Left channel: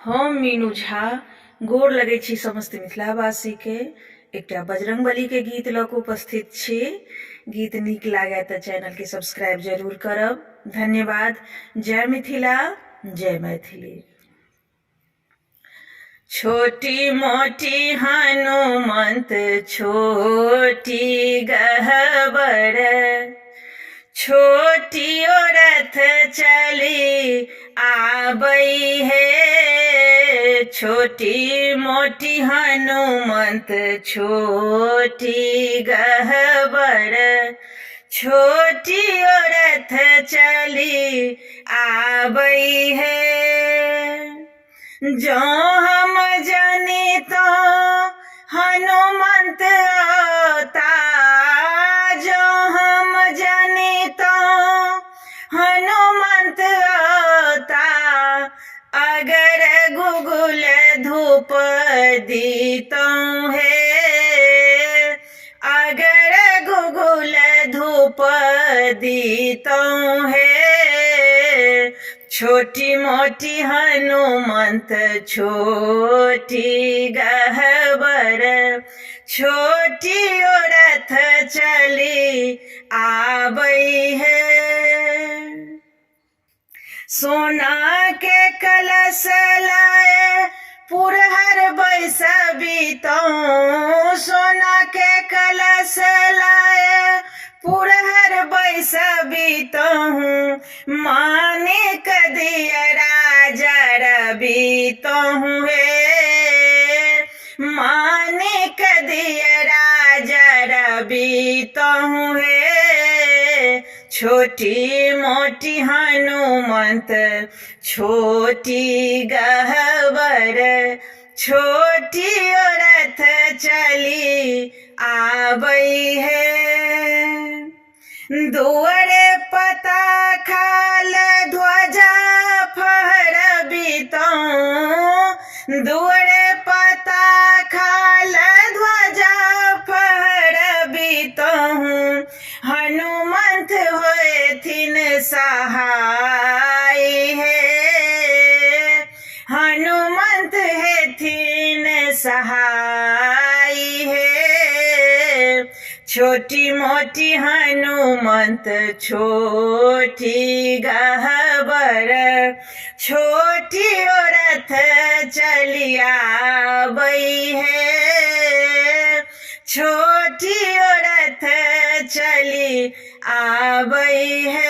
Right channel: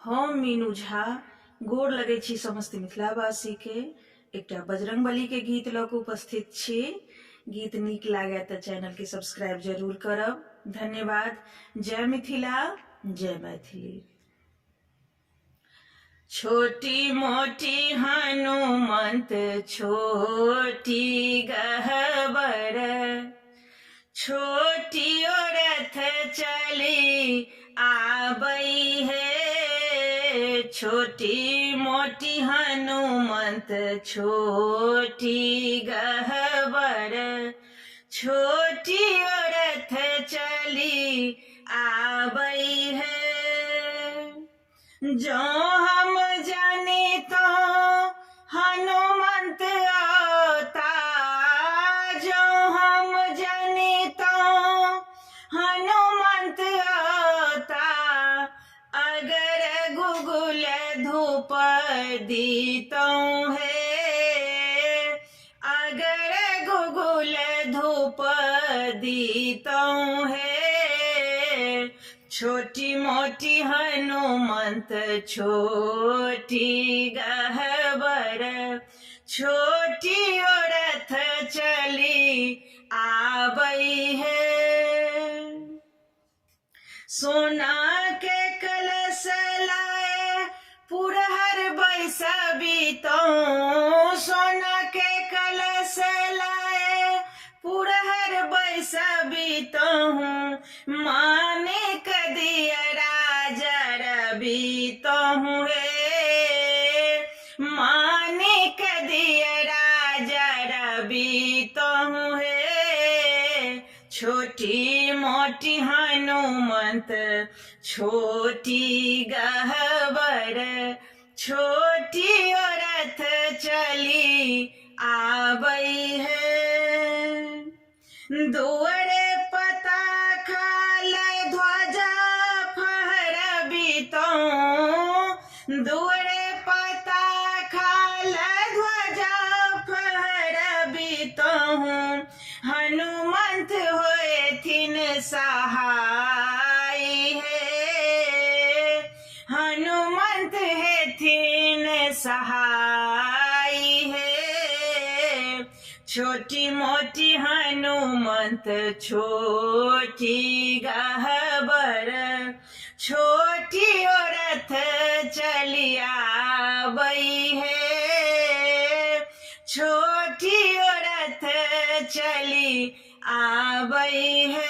हम मीनू झा गोर लगै छी समस्त मिथिलावासी के एकटा बजरंगबली के गीत लऽ कऽ उपस्थित छी। गीत नीक लागे तऽ चैनल के सब्सक्राइब जरूर करब। धन्यवाद। जय मिथिला, जय मैथिली। छोटी मोटी हनुमंत छोटी गहबर, छोटी रथ चली आबई है। छोटी मोटी हनुमंत छोटी गहबर, छोटी रथ चली आबई है। जो हम जानी तो हनुमंत होता, जो हम जानी तो हनुमंत होता। अगर गुगुल धूप दीतो है, अगर गुगुल धूप दीतो है। छोटी मोटी हनुमंत छोटी गहबर, छोटी रथ चली आबई है। सोना के कलश लाए पुरहर बैसबी तो, सोना के कलश लाए पुरहर बैसबी तो। माने कदिया राजा रवि तो है, माने कदिया राजा रवि तो है। छोटी मोटी हनुमंत छोटी गहबर, छोटी रथ चली आबई है। दुआरे पता खाल ध्वजा फहरबी तो, दुआरे पता खाल ध्वजा फहरबी तो। हनुमंत होथिन सहाय है, हनुमंत हेथिन सहाय है। छोटी मोटी हनुमंत छोटी गहबर, छोटी रथ चली आबई है। छोटी रथ चली आबई है।